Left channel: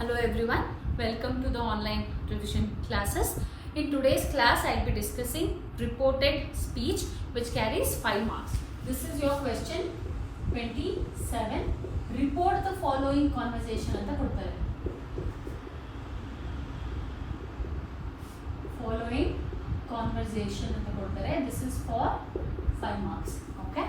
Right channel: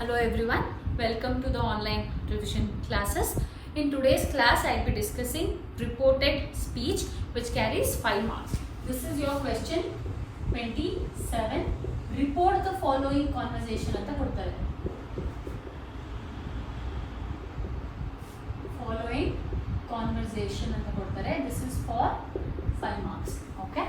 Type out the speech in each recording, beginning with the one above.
Hello everyone, welcome to the online revision classes. In today's class, I'll be discussing reported speech which carries 5 marks. This is your question 27. Report the following conversation anta kodtare. Following conversation anta kodtare. This is for 5 marks. Okay.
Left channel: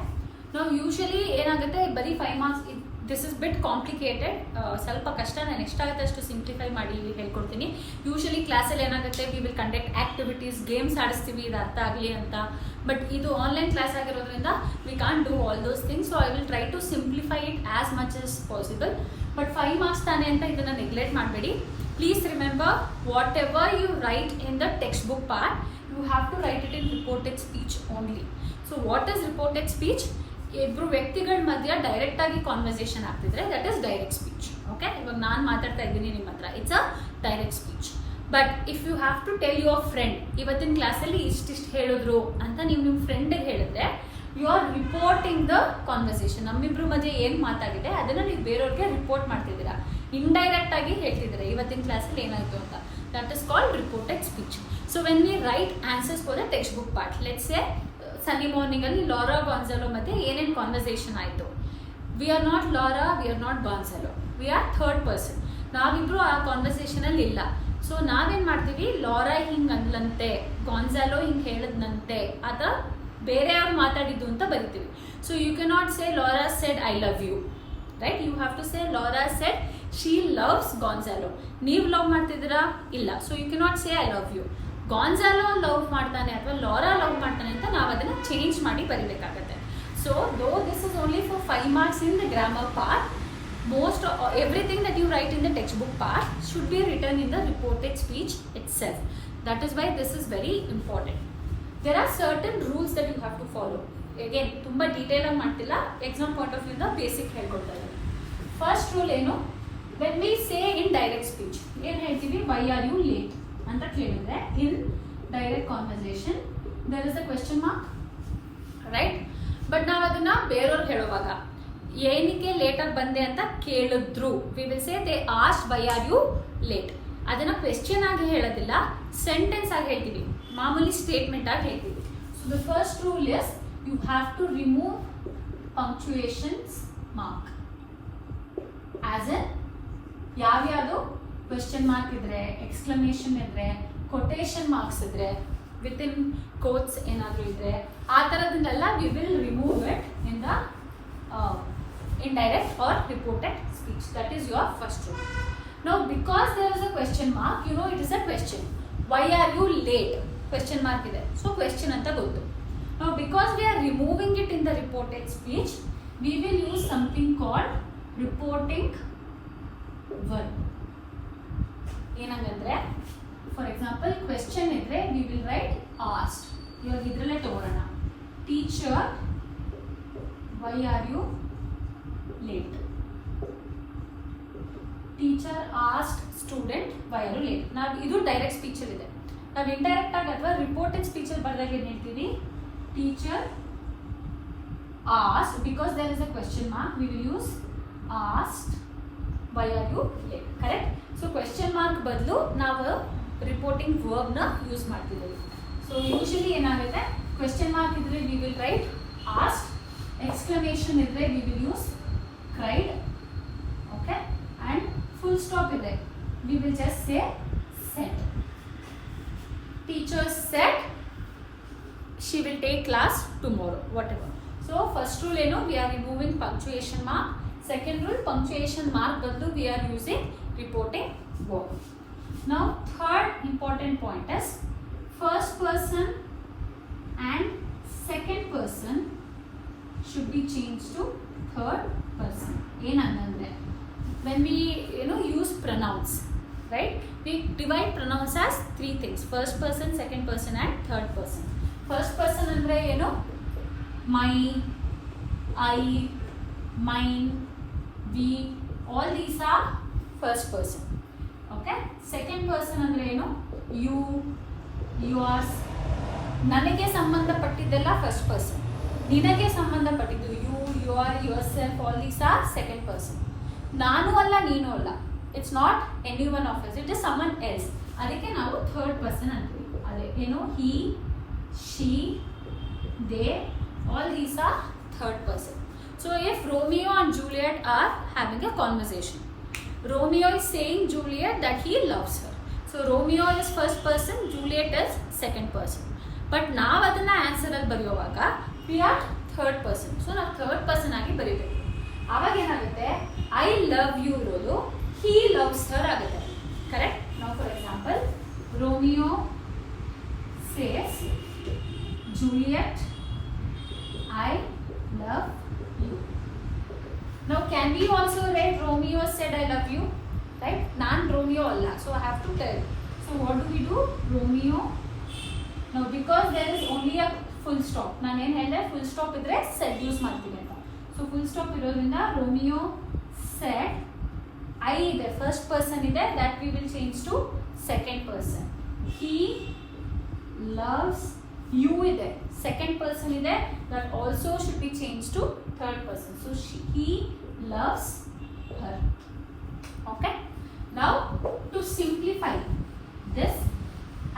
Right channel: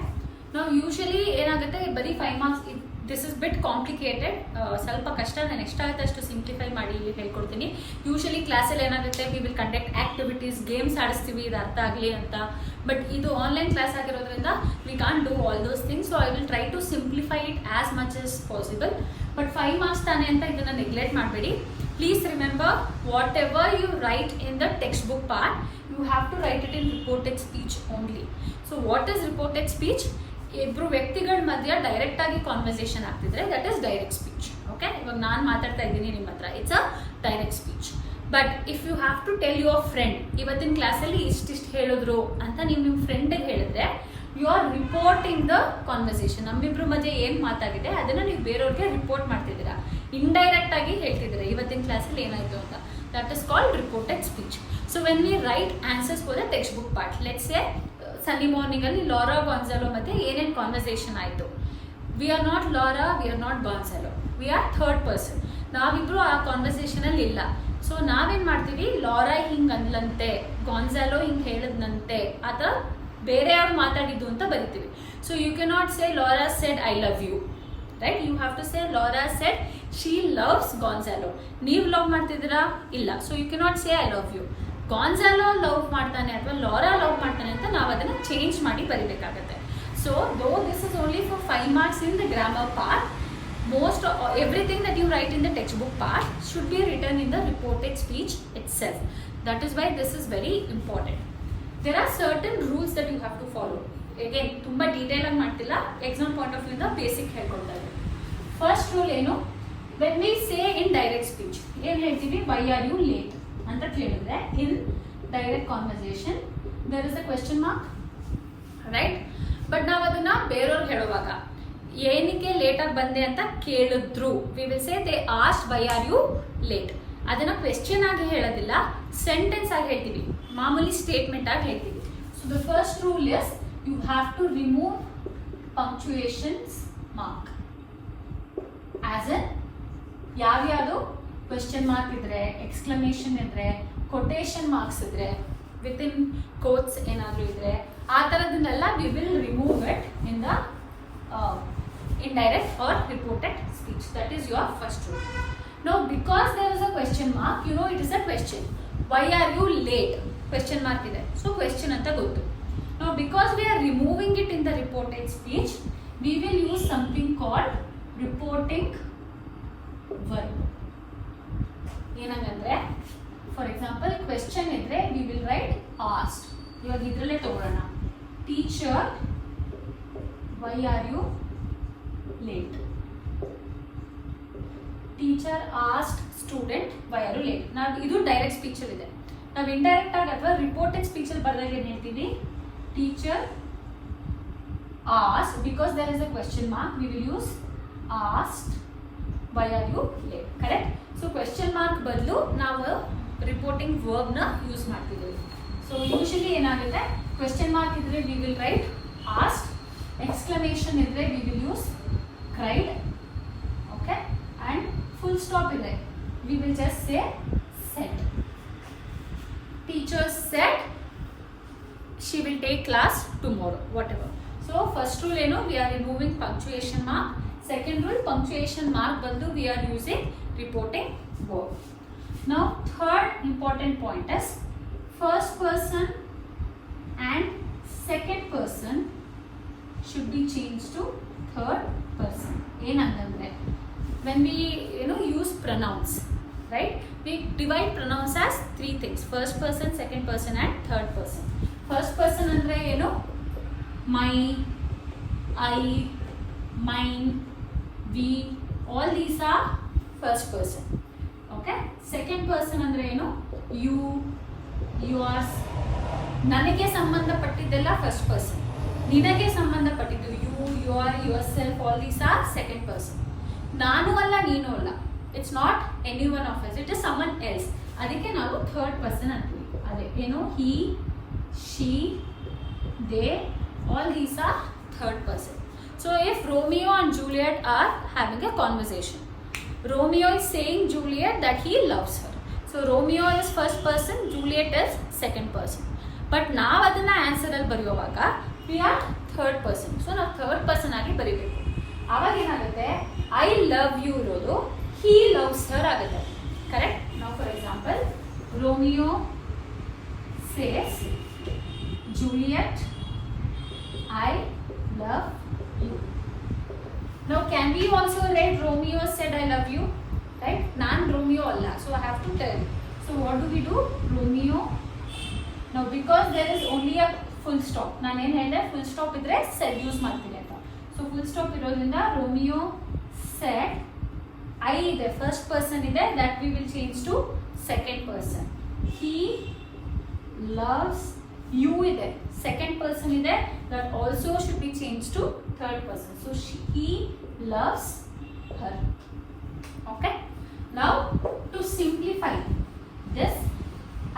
Now usually ಏನಾಗುತ್ತೆ ಬರೀ 5 marks. This is ಬಿಟ್ ಕಾಂಪ್ಲಿಕೇಟೆಡ್, ಸ್ವಲ್ಪ ಕಷ್ಟ. ನಾನು ಎಷ್ಟಾಗುತ್ತೆ ಅಷ್ಟು ಸಿಂಪ್ಲಿಫೈ ಮಾಡಿ ಹೇಳ್ಕೊಡ್ತೀನಿ. Usually ಕ್ಲಾಸಲ್ಲಿ ಏನಾಗುತ್ತೆ, we will conduct activities, games ಆಡಿಸ್ತೀವಿ ಇದು ಅರ್ಥ ಆಗಲಿ ಅಂತ. ಬಟ್ ಇದು ಆನ್ಲೈನ್ ಕ್ಲಾಸ್ ಆಗಿರೋದ್ರಿಂದ we can't do all those things. So I will try to simplify it as much as possible. But 5 marks ತಾನೆ ಅಂತ ಇದನ್ನು ನೆಗ್ಲೆಕ್ಟ್ ಮಾಡಬೇಡಿ. Please remember, whatever you write in the textbook part, you have to write it in reported speech only. So what is reported speech? ಇಬ್ಬರು ವ್ಯಕ್ತಿಗಳ ಮಧ್ಯ direct ಆಗಿ conversation ಆಗ್ತಿದ್ರೆ that is direct speech. Okay, ಇವಾಗ ನಾನು ಮಾತಾಡ್ತಾ ಇದ್ದೀನಿ ನಿಮ್ಮ ಹತ್ರ, it's a direct speech. But if you have to tell your friend, ಇವತ್ತಿನ ಕ್ಲಾಸಲ್ಲಿ ಇಷ್ಟಿಷ್ಟು ಹೇಳಿದ್ರು ಅಂತ ನೀವು ನಿಮ್ಮ ಫ್ರೆಂಡ್ಗೆ ಹೇಳಿದ್ರೆ you are reporting the conversation. ನಮ್ಮಿಬ್ರು ಮಧ್ಯೆ ಏನು ಮಾತಾಗಿದೆ ಅದನ್ನು ನೀವು ಬೇರೆಯವ್ರಿಗೆ ರಿಪೋರ್ಟ್ ಮಾಡ್ತಿದ್ದೀರಾ, ಇಂಡೈರೆಕ್ಟ್ ಆಗಿ ಹೇಳ್ತಿದ್ದೀರಾ ಇವತ್ತಿನ ಕ್ಲಾಸಲ್ಲಿ ಏನಾಯಿತು ಅಂತ. That is called reported speech. So when we write answers for the textbook part, let's say Sunday ಮಾರ್ನಿಂಗಲ್ಲಿ ಲಾರಾ ಗಾನ್ಝಾಲೋ ಮತ್ತೆ ಏನೇನು ಕಾನ್ವರ್ಸೇಷನ್ ಆಯಿತು. We are not Laura, we are not Gonzalo, we are third person. ನಾವಿಬ್ರು ಆ ಕಾನ್ವರ್ಸೇಷನಲ್ಲಿ ಇಲ್ಲ. ಸೊ ನಾವೇನು ಮಾಡ್ತೀವಿ, ಲಾರಾ ಹಿಂಗೆ ಅಂದ್ಲಂತೆ, ಗಾನ್ಝಾಲೋ ಹಿಂಗೆ ಹೇಳಿದ್ನಂತೆ ಅಥವಾ ಬೇರೆಯವ್ರು ಮಾತಾಡಿದ್ದು ಅಂತ ಬರಿತೀವಿ. So you can not say Laura said I love you, right? You have to say Laura said she loves Gonzalo. ನೀವು ಲವ್ ಮಾಡ್ತಿದ್ದೀರಾ? ಇಲ್ಲ. So you can not say I love you. Gonzalo love ಮಾಡ್ತಾನೆ ಅಥವಾ Lara love ಮಾಡ್ತಾನೆ ಅಂತ ನಾವು ಅದನ್ನು change ಮಾಡಿ ಬರಿಬೇಕಾಗತ್ತೆ. So though this is only for 5 marks in the grammar part. Most everything that you write in the textbook part should be written in the reported speech itself. That is why this is very important. There are certain rules that you have to follow. Again, ತುಂಬಾ ಡೀಟೇಲ್ ಆಗಿ ಮಾಡ್ತಿಲ್ಲ, exam point of view ಇಂದ ಬೇಸಿಕ್ ಹೇಳ್ಕೊಡ್ತಾ ಇದ್ದೀನಿ. First rule ಏನು, when we say in direct speech ಏನು ಹೇಳ್ತೀವಿ, why are you late ಅಂತ ಕೇಳಿದ್ರೆ in direct conversation there is a question mark, right? But ನಾವು ಅದನ್ನ ಬೇರೆಯವ್ರಿಗೆ ಹೇಳುವಾಗ ಏನಕ್ಕೆ ಲೇಟಾಗಿ ಬಂದೆ ಅಂತ ಕೇಳಿದ್ರು, we will say they asked why are you late. ಅದನ್ನ ಕ್ವೆಶ್ಚನ್ ಆಗಿ ಹೇಳೋದಿಲ್ಲ, ಸೆಂಟೆನ್ಸ್ ಆಗಿ ಹೇಳ್ತೀವಿ, ಮಾಮೂಲಿ ಸ್ಟೇಟ್ಮೆಂಟ್ ಆಗಿ ಹೇಳ್ತೀವಿ. So the first rule is you have to remove punctuations mark. As an ಯಾವ್ಯಾವುದು ಕ್ವೆಶ್ಚನ್ ಮಾರ್ಕ್ ಇದ್ರೆ, ಎಕ್ಸ್ಕ್ಲಮೇಷನ್ ಇದ್ರೆ, ಕೊಟೇಶನ್ ಮಾರ್ಕ್ಸ್ ಇದ್ರೆ, ವಿತ್ ಇನ್ ಕೋಟ್ಸ್ ಏನಾದರೂ ಇದ್ರೆ, ಆ ಥರದನ್ನೆಲ್ಲ we will remove it in the indirect or reported speech. That is your first rule. Now because there is a question mark, you know it is a question. Why are you late? Question mark ide, so question anta gottu. Now because we are removing it in the reported speech, we will use something called reporting verb. ಏನಂದ್ರೆ for example question idre we will write asked. ಇವಾಗ ಇದ್ರಲ್ಲೇ ತಗೊಳ್ಳೋಣ, teacher why are you late? Teacher asked student why are you late. ನಾವು ಇದು direct speech ಅಲ್ಲಿ ಇದೆ. ನಾವು ಇಂಡೈರೆಕ್ಟ್ ಆಗಿ ಅಥವಾ ರಿಪೋರ್ಟೆಡ್ ಸ್ಪೀಚ್ ಅಲ್ಲಿ ಬರೆದಾಗ ಏನು ಹೇಳ್ತೀವಿ, teacher asked, because there is a question mark we will use asked why are you late. Correct? So question mark ಬದಲು ನಾವು ರಿಪೋರ್ಟಿಂಗ್ ವರ್ಬ್ ನ ಯೂಸ್ ಮಾಡ್ತಿದ್ದೀವಿ. ಸೊ ಯೂಶಲಿ ಏನಾಗುತ್ತೆ, ಕ್ವೆಶ್ಚನ್ ಮಾರ್ಕ್ ಇದ್ರೆ we will write asked, exclamation idre we will use cried, okay, and full stop idre we will just say said. Teacher said she will take class tomorrow, whatever. So first rule eno, we are removing punctuation mark. Second rule, punctuation mark bandu we are using reporting verb. Now third important point is first person and second person should be changed to third person. ಏನಂತಂದ್ರೆ when we use pronouns, right, we divide pronouns as 3 things: first person, second person and third person. First person ಅಂದ್ರೆ ಏನು, my, I, mine, we, all these are first person. Okay, second person ಅಂದ್ರೆ ಏನು, you, yours. ನನಗೆ ಸಂಬಂಧಪಟ್ಟಿದ್ದೆಲ್ಲ first person, ನಿನಗೆ ಸಂಬಂಧಪಟ್ಟಿದ್ದು you, your, yourself, all these are second person. ನಾನು ಅಲ್ಲ, ನೀನು ಅಲ್ಲ, it's not any one of us, it is someone else. ಅದಕ್ಕೆ ನಾವು ಥರ್ಡ್ ಪರ್ಸನ್ ಅಂತೀವಿ. ಅದೇ ಏನು, he, she, they, all these are third person. So if Romeo and Juliet are having a conversation, Romeo is saying Juliet that he loves her. So Romeo is first person, Juliet is second person. But ನಾವು ಅದನ್ನ ಆನ್ಸರ್ ಅಲ್ಲಿ ಬರೆಯುವಾಗ we are third person. So ನಾವು third person ಆಗಿ ಬರೀಬೇಕು. ಆವಾಗ ಏನಾಗುತ್ತೆ, I love you ಇರೋದು he loves her ಆಗುತ್ತೆ. ಕರೆಕ್ಟ್? ನಾವು for example Romeo says Juliet I love you. Now can we also write Romeo said I love you, right? Nan Romeo alla, so I have to tell. So what do we do? Romeo. Now because there is only a full stop, nan ಏನು ಹೇಳಿದೆ, full stop ಇದ್ರೆ said use ಮಾಡ್ತೀನಿ ಅಂತ. So full stop ಇರೋದ್ರಿಂದ Romeo said, I ಇದೆ first person ಇದೆ, that we will change to second person. He loves you ಇದೆ second person ಇದೆ, that also should be changed to third person. So he loves her. Okay, now to simplify this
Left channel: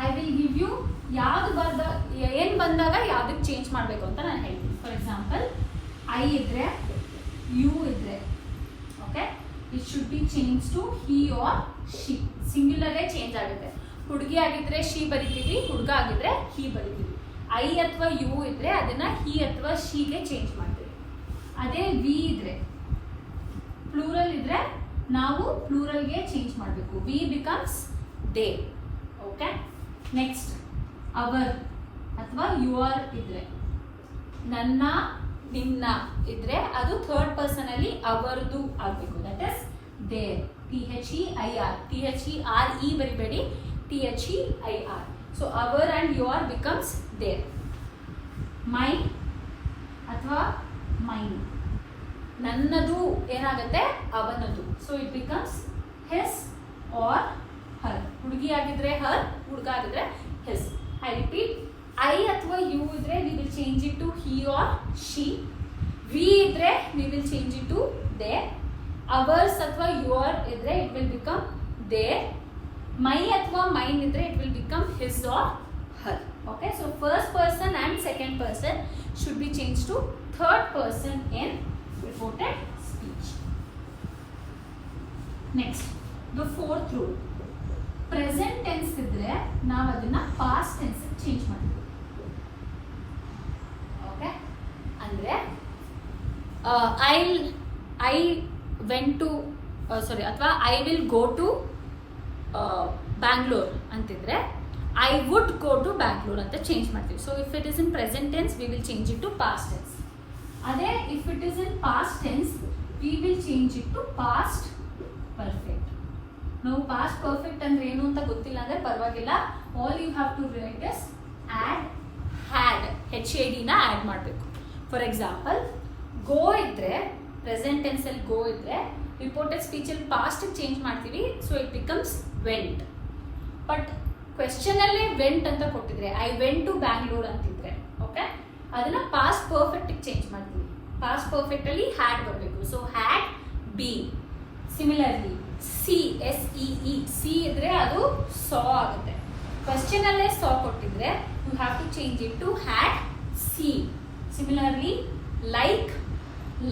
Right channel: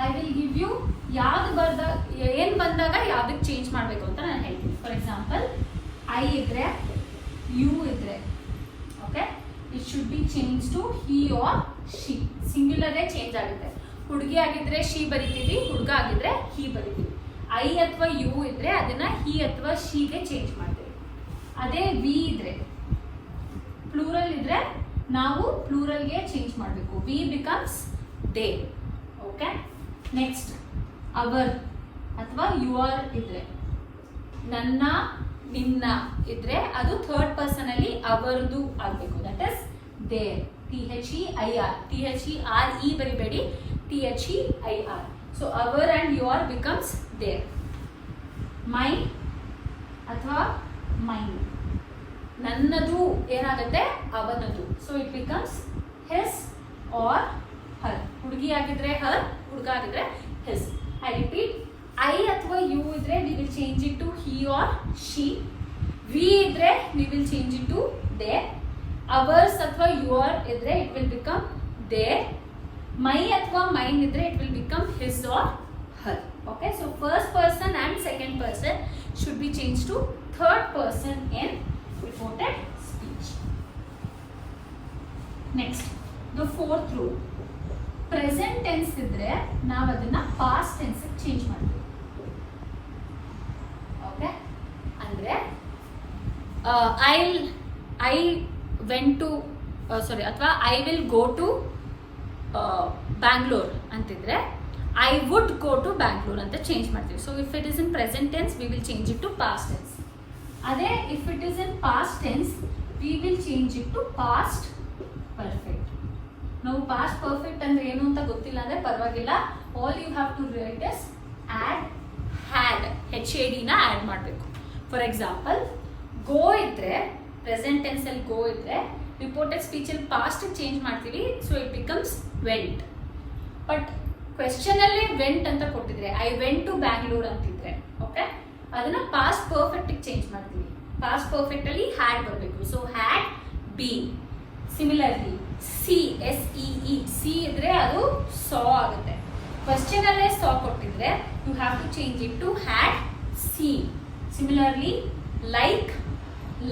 I will give you ಯಾವ್ದು ಬರ್ದ ಏನು ಬಂದಾಗ ಯಾವ್ದಕ್ಕೆ ಚೇಂಜ್ ಮಾಡಬೇಕು ಅಂತ ನಾನು ಹೇಳ್ತೀನಿ. ಫಾರ್ ಎಕ್ಸಾಂಪಲ್ ಐ ಇದ್ರೆ, ಯು ಇದ್ರೆ, okay, it should be change to he or she. ಸಿಂಗ್ಯುಲರೇ ಚೇಂಜ್ ಆಗುತ್ತೆ. ಹುಡುಗಿ ಆಗಿದ್ರೆ ಶಿ ಬರಿತೀವಿ, ಹುಡುಗ ಆಗಿದ್ರೆ ಹಿ ಬರಿತೀವಿ. ಐ ಅಥವಾ ಯು ಇದ್ರೆ ಅದನ್ನ ಹಿ ಅಥವಾ ಶಿಗೆ ಚೇಂಜ್ ಮಾಡ್ತೀವಿ. ಅದೇ ವಿ ಇದ್ರೆ, ಪ್ಲೂರಲ್ ಇದ್ರೆ ನಾವು ಪ್ಲೂರಲ್ಗೆ ಚೇಂಜ್ ಮಾಡಬೇಕು. We becomes they. Okay, next our ಅಥವಾ ಯುವರ್ ಇದ್ರೆ, ನನ್ನ, ನಿನ್ನ ಇದ್ರೆ ಅದು ಥರ್ಡ್ ಪರ್ಸನ್ ಅಲ್ಲಿ ಅವರ್ದು ಆಗಬೇಕು. That is their. THEIR, THERE ಬರಿಬೇಡಿ, THEIR. So our and your becomes their. Mine ಅಥವಾ ಮೈನ್, ನನ್ನದು ಏನಾಗುತ್ತೆ, ಅವನದು. So it becomes his or her. ಹುಡುಗಿ ಆಗಿದ್ರೆ ಹರ್, ಹುಡುಗ ಆಗಿದ್ರೆ ಹಿಸ್. ಐ ರಿಪೀಟ್, ಐ ಅಥವಾ ಯು ಇದ್ರೆ we will change it to he or she. We ಇದ್ರೆ we will change it to their. Ours ಅಥವಾ ಯುವರ್ ಇದ್ರೆ it will become their. My ಅಥವಾ ಮೈನ್ ಇದ್ರೆ it will become his R her. Okay, so first person and second person should be changed to third person in reported speech. Next, the fourth rule. Present tense ಇದ್ರೆ ನಾವು ಅದನ್ನ past tense ಗೆ ಚೇಂಜ್ ಮಾಡ್ತೀವಿ. ಓಕೆ, ಅಂದ್ರೆ I went to ಅಥವಾ I will go to Bangalore ಅಂತಿದ್ರೆ I would go to Bangalore ಅಂತ change ಮಾಡ್ತೀವಿ. So if it is in present tense we will change it to past tense. ಅದೇ if it is in past tense we will change it to past perfect. ನಾವು past perfect ಅಂದ್ರೆ ಏನು ಅಂತ ಗೊತ್ತಿಲ್ಲ ಅಂದ್ರೆ ಪರವಾಗಿಲ್ಲ, all you have to write is add had, HAD ನ add ಮಾಡಬೇಕು. ಫಾರ್ ಎಕ್ಸಾಂಪಲ್ ಗೋ ಇದ್ರೆ ಪ್ರೆಸೆಂಟ್ ಟೆನ್ಸ್ ಅಲ್ಲಿ ಗೋ ಇದ್ರೆ ರಿಪೋರ್ಟೆಡ್ ಸ್ಪೀಚ್ ಅಲ್ಲಿ ಪಾಸ್ಟ್ ಚೇಂಜ್ ಮಾಡ್ತೀವಿ. So it becomes went. But question ಅಲ್ಲೇ ವೆಂಟ್ ಅಂತ ಕೊಟ್ಟಿದ್ರೆ ಐ ವೆಂಟ್ ಟು ಬ್ಯಾಂಗ್ಳೂರ್ ಅಂತಿದ್ರೆ ಓಕೆ, ಅದನ್ನ ಪಾಸ್ಟ್ ಪರ್ಫೆಕ್ಟ್ ಚೇಂಜ್ ಮಾಡ್ತೀವಿ. ಪಾಸ್ಟ್ ಪರ್ಫೆಕ್ಟ್ ಅಲ್ಲಿ ಹ್ಯಾಡ್ ಬರಬೇಕು. So had been. Similarly see, SEE, see ಇದ್ರೆ ಅದು ಸಾ ಆಗುತ್ತೆ. ಕ್ವೆಶ್ಚನ್ ಅಲ್ಲೇ ಸಾ ಕೊಟ್ಟಿದ್ರೆ you have to change it to had seen. Similarly like,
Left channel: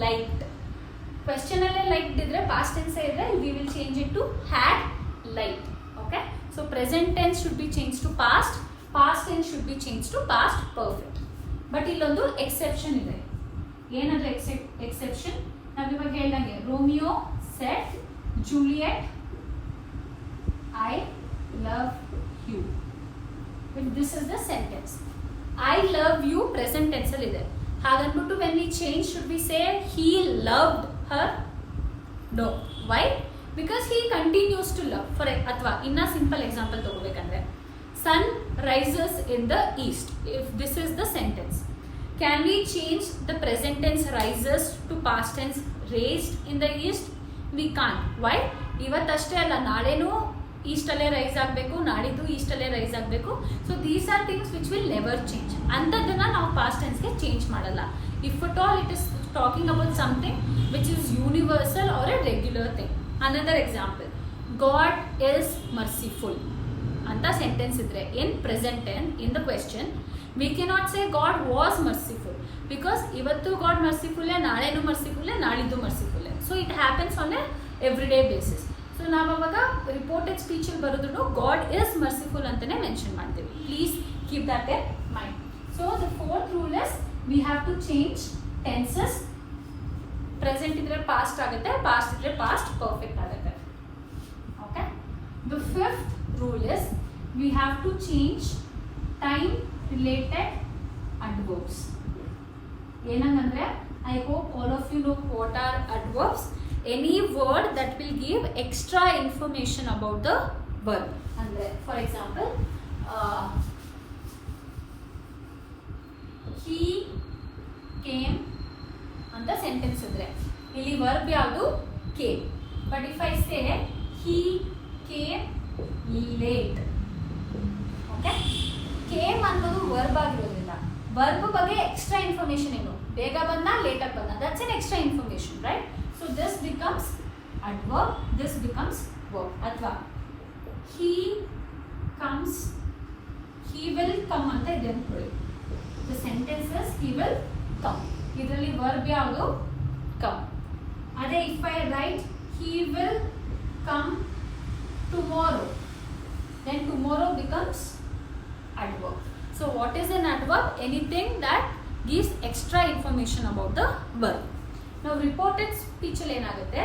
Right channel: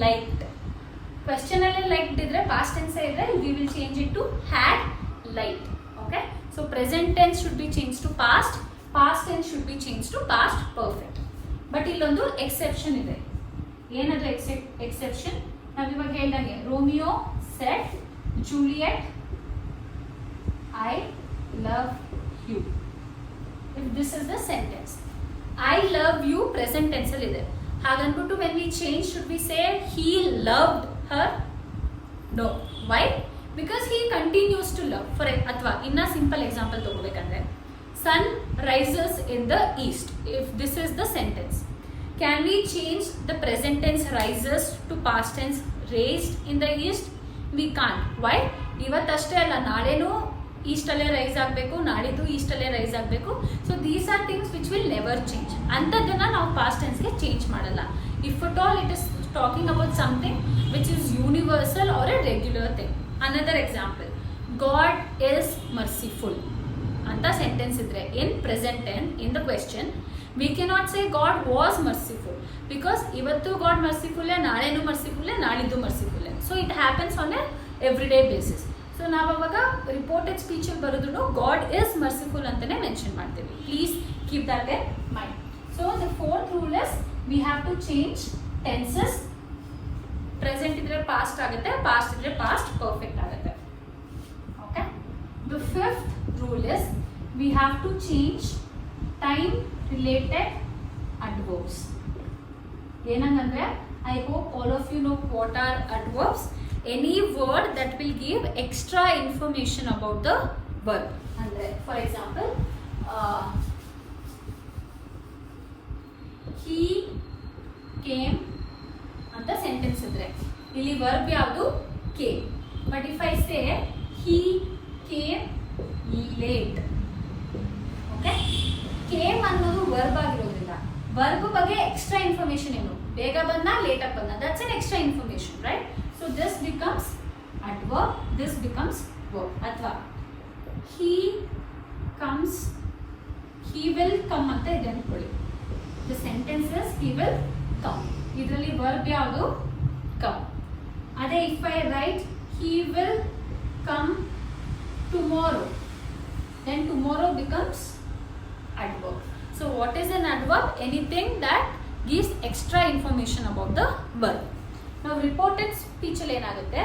liked. Question ಅಲ್ಲೇ ಲೈಕ್ಡ್ ಇದ್ರೆ ಪಾಸ್ಟ್ ಟೆನ್ಸ್ ಇದ್ರೆ we will change it to had liked. Okay, so present tense should be changed to past, past tense should be changed to past perfect. But ಇಲ್ಲೊಂದು ಎಕ್ಸೆಪ್ಷನ್ ಇದೆ. ಏನದು ಎಕ್ಸೆಪ್ಷನ್? ನಾವು ಇವಾಗ ಹೇಳ್ದಂಗೆ Romeo said Juliet I love you. If this is the sentence, I love you present tense ಅಲ್ಲಿ ಇದೆ. ಹಾಗನ್ಬಿಟ್ಟು when we change should we say he loved her? No. Why? Because he continues to love. For ಅಥವಾ ಇನ್ನ simple example ತಗೋಬೇಕಂದ್ರೆ sun rises in the east. If this is the sentence, can we change the present tense rises to past tense raised in the east? We can't. Why? ಇವತ್ತಷ್ಟೇ ಅಲ್ಲ, ನಾಳೆನೂ ಈಸ್ಟ್ ಅಲ್ಲೇ rise ಆಗಬೇಕು, ನಾಡಿದ್ದು ಈಸ್ಟ್ ಅಲ್ಲೇ ರೈಸ್ ಆಗಬೇಕು. So these are things which will never change. ಅಂಥದ್ದನ್ನ ನಾವು ಪಾಸ್ಟ್ ಟೆನ್ಸ್ಗೆ ಚೇಂಜ್ ಮಾಡಲ್ಲ. If at all it is talking about something which is universal or a regular thing. Another example, God is merciful ಅಂತ sentence ಇದ್ರೆ in present tense in the question we cannot say God was merciful because ಇವತ್ತು God ಮರ್ಸಿಫುಲ್ಲೇ, ನಾಳೆನೂ ಮರ್ಸಿಫುಲ್ಲೇ, ನಾಳಿದ್ದು ಮರ್ಸಿಫುಲ್ಲೇ. So it happens on a every day basis. So ನಾವು ಅವಾಗ ರಿಪೋರ್ಟೆಡ್ ಸ್ಪೀಚಲ್ಲಿ ಬರೋದು ಗಾಡ್ ಇಸ್ ಮರ್ಸಿಫುಲ್ ಅಂತಲೇ ಮೆನ್ಷನ್ ಮಾಡ್ತೀವಿ. Please keep that in mind. So the fourth rule is we have to change tenses. Present ಇದ್ರೆ ಪಾಸ್ಟ್ ಆಗುತ್ತೆ, past ಇದ್ರೆ past perfect ಆಗುತ್ತೆ. Okay. The fifth rule is we have to change time related adverbs. ಏನಂದ್ರೆ I hope all of you know what are adverbs. Any word that will give extra information about the verb. ಅಂದ್ರೆ for example he came ಅಂತ sentence ಇದ್ರೆ ಇಲ್ಲಿ verb ಯಾವುದು came. But if I say he came late, okay, came ಅನ್ನೋದು verb ಆಗಿರೋದ್ರಿಂದ verb ಬಗ್ಗೆ extra information ಏನು, ಬೇಗ ಬಂದ ಲೇಟ್ ಆಗಿ ಬಂದ, that's an extra information, right? So this becomes adverb, this becomes verb. ಅಥವಾ he comes, he will come ಅಂತ ಇದೆ ಅನ್ಕೊಳ್ಳಿ. The sentence is he will come, ಇದರಲ್ಲಿ ವರ್ಬ್ ಯಾವುದು ಕಮ್. ಅದೇ if I write he will come tomorrow, then tomorrow becomes adverb. So what is an adverb? Anything that gives extra information about the verb. Now reported speech ಅಲ್ಲಿ ಏನಾಗುತ್ತೆ,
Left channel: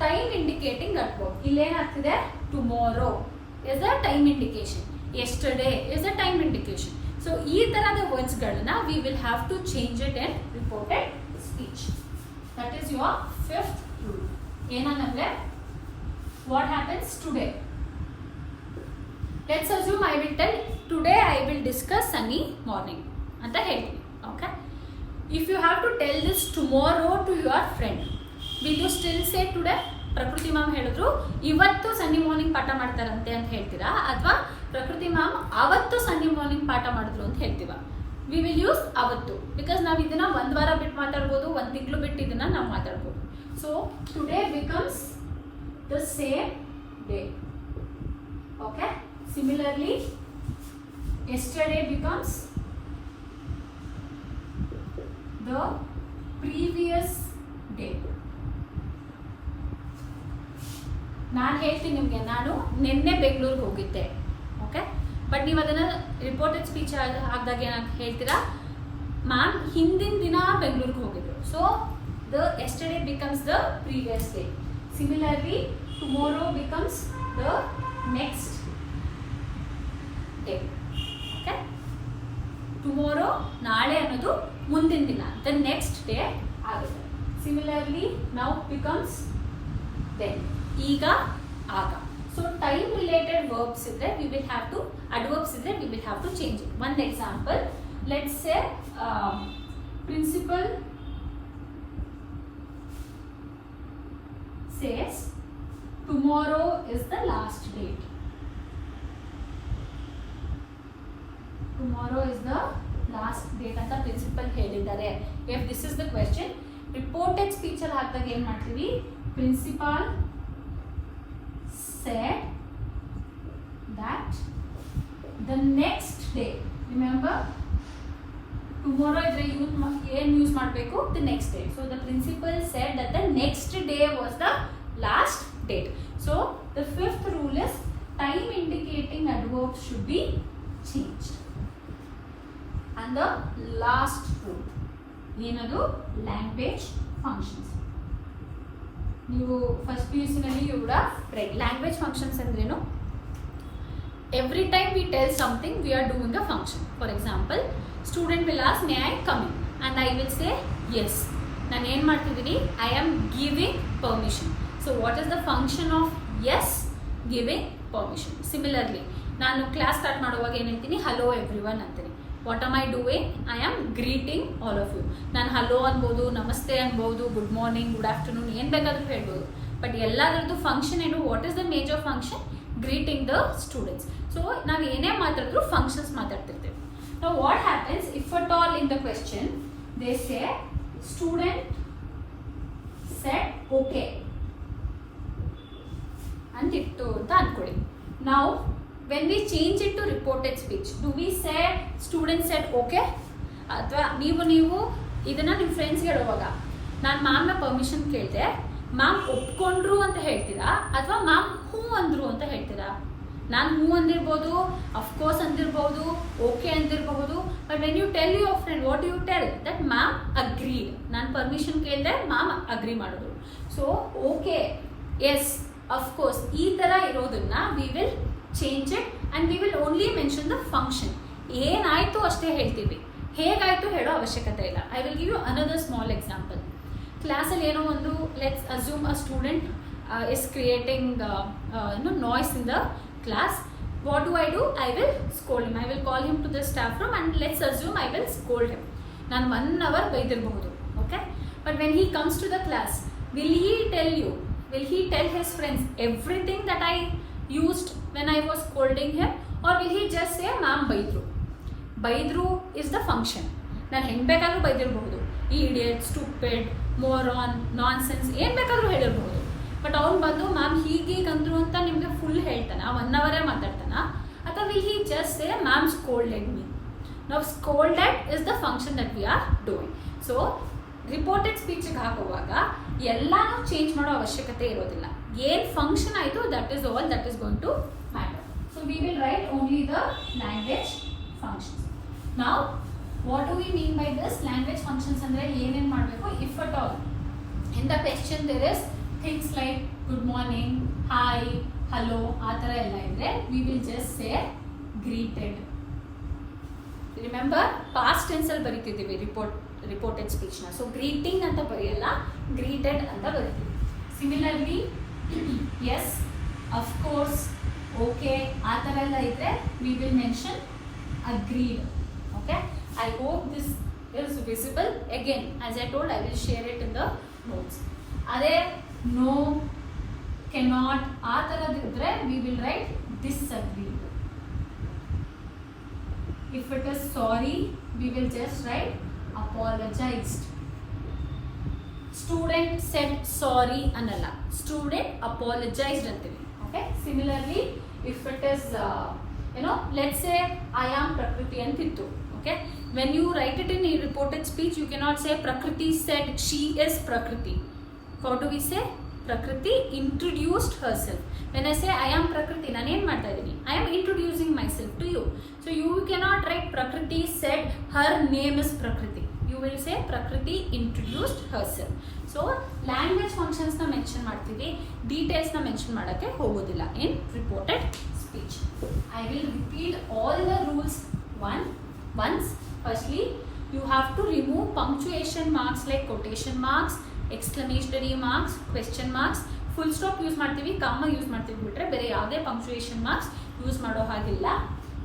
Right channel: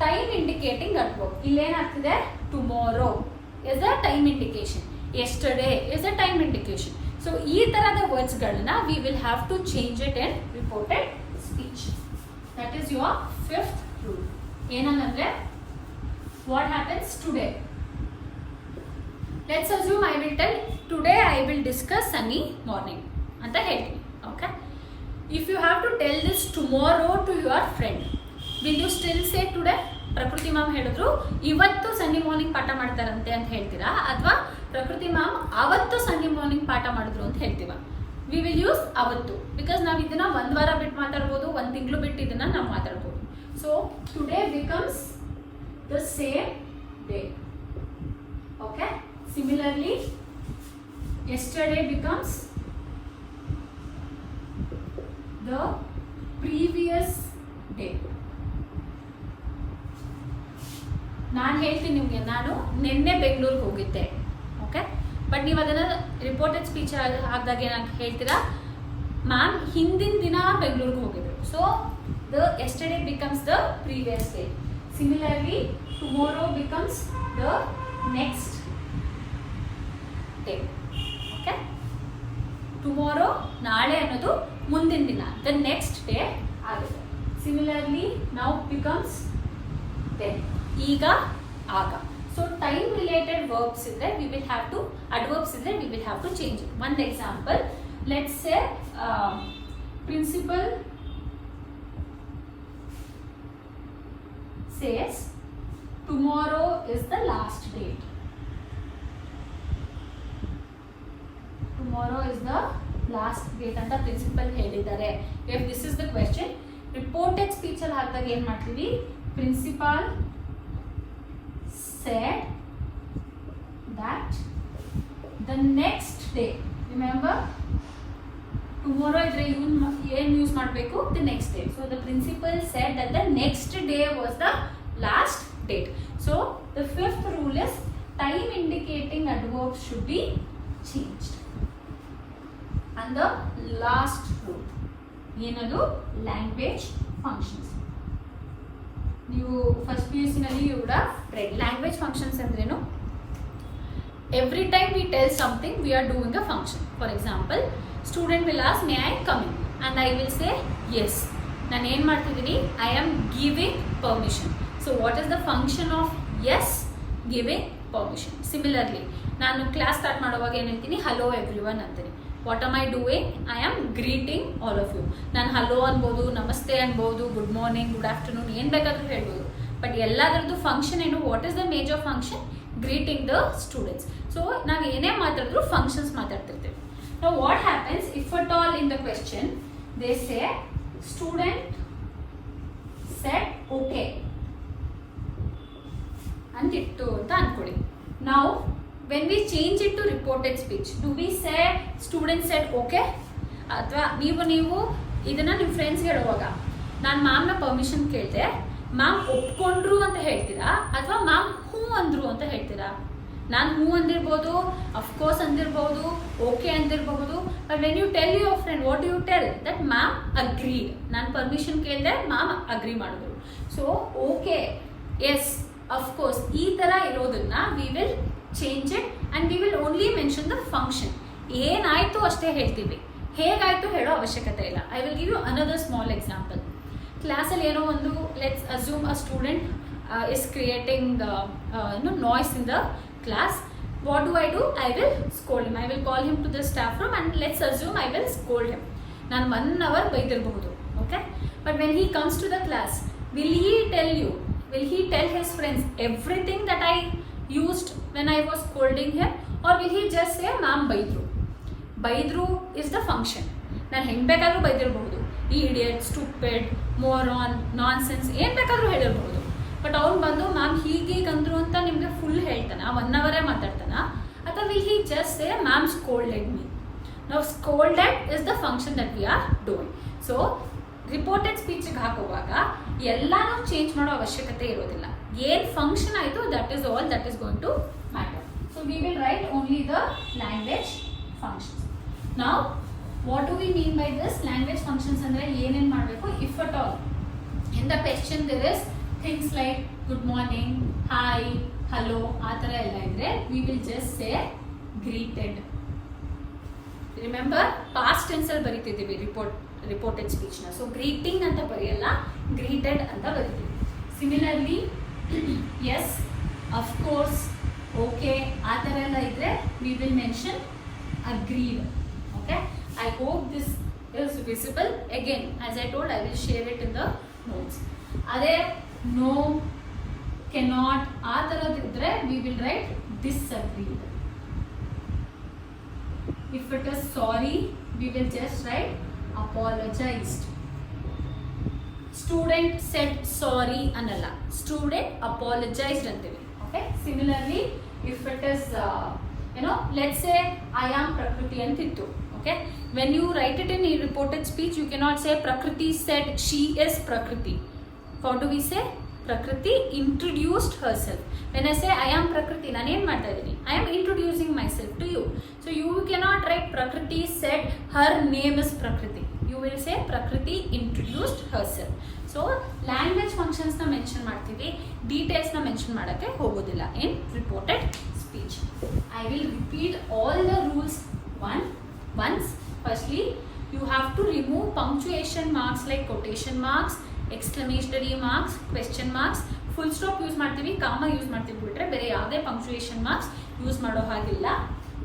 time indicating adverb. ಇಲ್ಲಿ ಏನಾಗ್ತಿದೆ, tomorrow is a time indication, yesterday is a time indication. So ಈ ತರದ words ಗಳನ್ನ we will have to change it in reported speech. That is your fifth rule. ಏನಂದ್ರೆ what happens today? Let's assume I will tell today I will discuss sunny morning ಅಂತ ಹೇಳ್ತೀನಿ. Okay, if you have to tell this tomorrow to your friend, will you still say today? ಪ್ರಕೃತಿ ಮ್ಯಾಮ್ ಹೇಳಿದ್ರು ಇವತ್ತು ಸನ್ನಿ ಮಾರ್ನಿಂಗ್ ಪಾಠ ಮಾಡ್ತಾರಂತೆ ಅಂತ ಹೇಳ್ತೀರಾ, ಅಥವಾ ಪ್ರಕೃತಿ ಮ್ಯಾಮ್ ಅವತ್ತು ಸನ್ನಿ ಮಾರ್ನಿಂಗ್ ಪಾಠ ಮಾಡಿದ್ರು ಅಂತ ಹೇಳ್ತೀವ? ವಿ ವಿಲ್ ಯೂಸ್ ಅವತ್ತು, ಬಿಕಾಸ್ ನಾವು ಇದನ್ನ ಒಂದು ವಾರ ಬಿಟ್ಟು ಮಾತಾಡ್ಬೋದು, ಒಂದು ತಿಂಗಳು ಬಿಟ್ಟು ಇದನ್ನ ನಾವು ಮಾತಾಡ್ಬೋದು. So today becomes the same day. Okay, similarly yesterday becomes the previous day. ನಾನು ಹೇಳ್ತೀನಿ ನಿಮಗೆ, ನಾನು ನಿನ್ನೆ ಬೆಂಗಳೂರಿಗೆ ಹೋಗಿದ್ದೆ. ಓಕೆ, ಬಟ್ ನೀವು ಅದನ್ನು ರಿಪೋರ್ಟೆಡ್ ಸ್ಪೀಚ್ ಆದಾಗ ಏನಾಗಿ ಹೇಳ್ತೀರಾ, ಮ್ಯಾಮ್ ಹಿಂದಿನ ದಿನ ಬೆಂಗಳೂರಿಗೆ ಹೋಗಿದ್ರು. So the yesterday becomes the previous day. Similarly, tomorrow becomes the next day. Okay? Tomorrow, naale ಅನ್ನೋದು ಮುಂದಿನ ದಿನ, the next day ಆಗುತ್ತೆ. Similarly, now becomes then. ಈಗ, ಆಗ. So time related verbs ಇದ್ರೆ we will have to, adverbs ಇದ್ರೆ we will have to change it. One example, let's say principal says tomorrow is the last date. Tomorrow is the last date ಅಂತ ಪ್ರಿನ್ಸಿಪಲ್ ಹೇಳಿದ್ದಾರೆ. If this is the question, reported speech ಅಲ್ಲಿ ಹಾಕಿದಾಗ ಏನು ಮಾಡ್ತೀವಿ, principal said that the next day, remember tomorrow ಇದ್ರೆ ಏನು ಯೂಸ್ ಮಾಡಬೇಕು, the next day. So the principal said that the next day was the last date. So the fifth rule is time indicating adverbs should be changed. And the last rule ಏನದು, language functions. ನೀವು first PUC ನಲ್ಲಿ you would have read language functions ಅಂದ್ರೇನು. Every time we tell something we are doing a function. For example, student will ask may I come in and I will say yes. ನಾನು ಏನು ಮಾಡ್ತಿದ್ದೀನಿ, I am giving permission. So what is the function of yes? Giving permission. Similarly, ನಾನು class start ಮಾಡುವಾಗ ಏನು ಹೇಳ್ತೀನಿ, hello everyone ಅಂತೀನಿ. What am I doing? I am greeting all of you. ನಾನು ಹಲೋ ಅನ್ಬೋದು, ನಮಸ್ತೆ ಅನ್ಬೋದು, ಗುಡ್ ಮಾರ್ನಿಂಗ್, ಗುಡ್ ಆಫ್ಟರ್ನೂನ್, ಏನು ಬೇಕಾದರೂ ಹೇಳ್ಬೋದು. ಬಟ್ ಎಲ್ಲದರದ್ದು ಫಂಕ್ಷನ್ ಏನು, what is the major function? Greeting the students. So ನಾವು ಏನೇ ಮಾತಾಡಿದ್ರು ಫಂಕ್ಷನ್ಸ್ ಮಾತಾಡ್ತಿರ್ತೇವೆ. Now what happens if at all in the question they say student said okay ಅಂತಿಟ್ಟು ಅಂತ ಅನ್ಕೊಳ್ಳಿ. ನಾವು when we change it to reported speech, do we say student said okay? ಅಥವಾ ನೀವು ಇದನ್ನ ನಿಮ್ಮ ಫ್ರೆಂಡ್ಸ್ಗೆ ಹೇಳುವಾಗ ನಾನು ಮ್ಯಾಮ್ನ ಪರ್ಮಿಷನ್ ಕೇಳಿದೆ, ಮ್ಯಾಮ್ ಒಪ್ಕೊಂಡ್ರು ಅಂತ ಹೇಳ್ತೀರಾ ಅಥವಾ ಮ್ಯಾಮ್ ಹ್ಞೂ ಅಂದ್ರು ಅಂತ ಹೇಳ್ತೀರಾ? ನಾನು ಹ್ಞೂ ಅಂದಿರ್ಬೋದು, ಅಫ್ಕೋರ್ಸ್ ಅಂದಿರ್ಬೋದು, ಓಕೆ ಅಂದಿರಬಹುದು. But when you tell your friend, what you tell? That ma'am agreed. ನಾನು ಪರ್ಮಿಷನ್ ಕೇಳಿದೆ, ಮ್ಯಾಮ್ ಅಗ್ರಿ ಮಾಡಿದ್ರು. ಸೊ ಓಕೆ, ಎಸ್, ಅಫ್ಕೋರ್ಸ್, ಈ ಥರ ಇರೋದನ್ನ we will change it and we will only mention the function. ಏನಾಯಿತು ಅಷ್ಟೇ ಹೇಳ್ತೀವಿ, ಹೇಗಾಯಿತು ಹೇಳೋ ಅವಶ್ಯಕತೆ ಇಲ್ಲ. I will give you another small example. ಕ್ಲಾಸಲ್ಲಿ ಏನೋ ಒಂದು, let's assume a student is creating noise in the class. What do? I will scold him. I will call him to the staff room and let's assume I will scold him. Nan 1 hour ಬೈದಿರಬಹುದು, okay? But when he comes to the class, will he tell his friends everything that I used when I was scolding him, or will he just say ma'am ಬೈದ್ರು is the function. ನಾನು ಹೆಂಗೆ ಬೇಕಾದರೂ ಬೈದಿರಬಹುದು, idiot, stupid, ಮೋರಾನ್, ನಾನ್ಸೆನ್ಸ್, ಏನು ಬೇಕಾದರೂ ಹೇಳಿರಬಹುದು. ಬಟ್ ಅವ್ನು ಬಂದು ಮ್ಯಾಮ್ ಹೀಗೀಗ ಅಂದ್ರು ಅಂತ ನಿಮಗೆ ಫುಲ್ ಹೇಳ್ತಾನ, 1 hour ಮಾತಾಡ್ತಾನ, ಅಥವಾ will he just say ma'am scolded me? ನಾವು scolded is the function that we are doing. So reported ಸ್ಪೀಚ್ಗೆ ಹಾಕುವಾಗ ಎಲ್ಲಾನು ಚೇಂಜ್ ಮಾಡೋ ಅವಶ್ಯಕತೆ ಇರೋದಿಲ್ಲ. ಏನು ಫಂಕ್ಷನ್ ಆಯಿತು that is all that is going to matter. So we will write only the language functions. ನಾವು what do we mean by this language functions ಅಂದರೆ ಏನೇನು ಮಾಡಬೇಕು? If at all in the question there is things like good morning, hi, hello, ಆ ಥರ ಎಲ್ಲ ಇದ್ರೆ we will just say greeted. Remember, past ಟೆನ್ಸಲ್ಲಿ ಬರೀತಿದ್ದೀವಿ ರಿಪೋರ್ಟೆಡ್ ಸ್ಪೀಚ್ನ. ಸೊ ಗ್ರೀಟಿಂಗ್ ಅಂತ ಬರೆಯಲ್ಲ, ಗ್ರೀಟೆಡ್ ಅಂತ ಬರೀತೀವಿ. ಸಿಮಿಲರ್ಲಿ ಎಸ್, ಅಫ್ಕೋರ್ಸ್, ಓಕೆ, ಆ ಥರ ಎಲ್ಲ ಇದ್ರೆ we will mention agreed. Okay, I hope this is visible. Again, as I told, I will share it in the notes. ಅದೇ ನೋ, ಕೆನಾಟ್, ಆ ಥರದಿದ್ರೆ we will write disagreed. If it is sorry, we will just write apologised. Student said sorry ಅನ್ನಲ್ಲ, student apologised ಅಂತೀವಿ. Okay, similarly if it is let's say I am Prakriti ಅಂತಿತ್ತು. Okay, when you write it in a reported speech, you cannot say Prakriti said she is Prakriti. How do we say? Prakriti introduced herself. When I say I am Prakriti, ನಾನು ಏನು ಮಾಡ್ತಾ ಇದ್ದೀನಿ? I am introducing myself to you. So you cannot write Prakriti said her name is Prakriti. You will say Prakriti introduced herself. So language functions na mention ಮಾಡ್ತೀವಿ, details na mention ಮಾಡೋಕ್ಕೆ ಹೋಗೋದಿಲ್ಲ in reported speech. I will repeat all the rules once. Firstly, you have to remove punctuation marks like quotation marks, exclamatory marks, question marks. Full stop use ಮಾಡ್ತೀವಿ, ಕಾಮ ಯೂಸ್ ಮಾಡ್ತೀವಿ ಬಿಟ್ರೆ ಬೇರೆ ಯಾವುದೇ punctuation marks use ಮಾಡೋ ಹಾಗಿಲ್ಲ.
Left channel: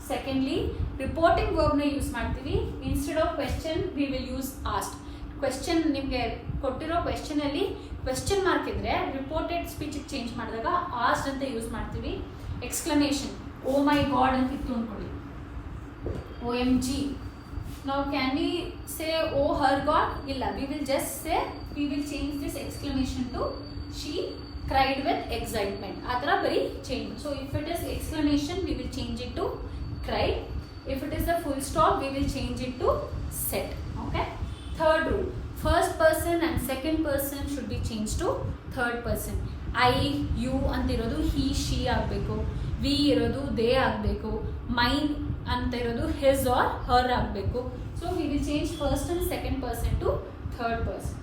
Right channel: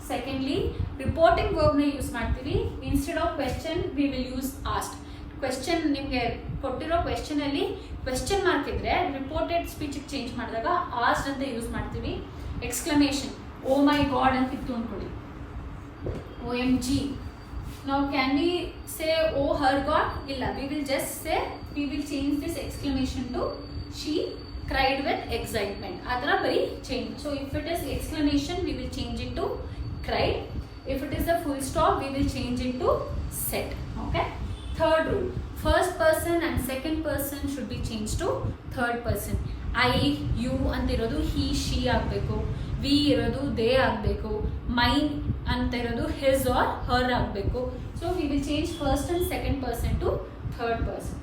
ಸೆಕೆಂಡ್ಲಿ, ರಿಪೋರ್ಟಿಂಗ್ ವರ್ಬ್ನ ಯೂಸ್ ಮಾಡ್ತೀವಿ. Instead of question we will use asked. Question ನಿಮಗೆ ಕೊಟ್ಟಿರೋ ಕ್ವೆಶ್ಚನಲ್ಲಿ ಕ್ವೆಶ್ಚನ್ ಮಾರ್ಕ್ ಇದ್ರೆ ರಿಪೋರ್ಟೆಡ್ ಸ್ಪೀಚಿಗೆ ಚೇಂಜ್ ಮಾಡಿದಾಗ ಆಸ್ಕ್ಡ್ ಅಂತ ಯೂಸ್ ಮಾಡ್ತೀವಿ. ಎಕ್ಸ್ಕ್ಲಮೇಷನ್, ಓ ಮೈ ಗಾಡ್ ಅಂತ ಇತ್ತು ಅಂದ್ಕೊಳ್ಳಿ, OMG. Now can we say oh her god? Illa, we will just say, we will change this exclamation to she cried with excitement. Adra bari change. So if it is exclamation, we will change it to cried. If it is a full stop, we will change it to said. Okay. Third rule, first person and second person should be changed to third person. I, you ಅಂತ ಇರೋದು he, she ಆಗಬೇಕು. we ಇರೋದು they ಆಗಬೇಕು. mine ಅಂತ ಇರೋದು his or her ಆಗಬೇಕು. So we will change first and second person to third person.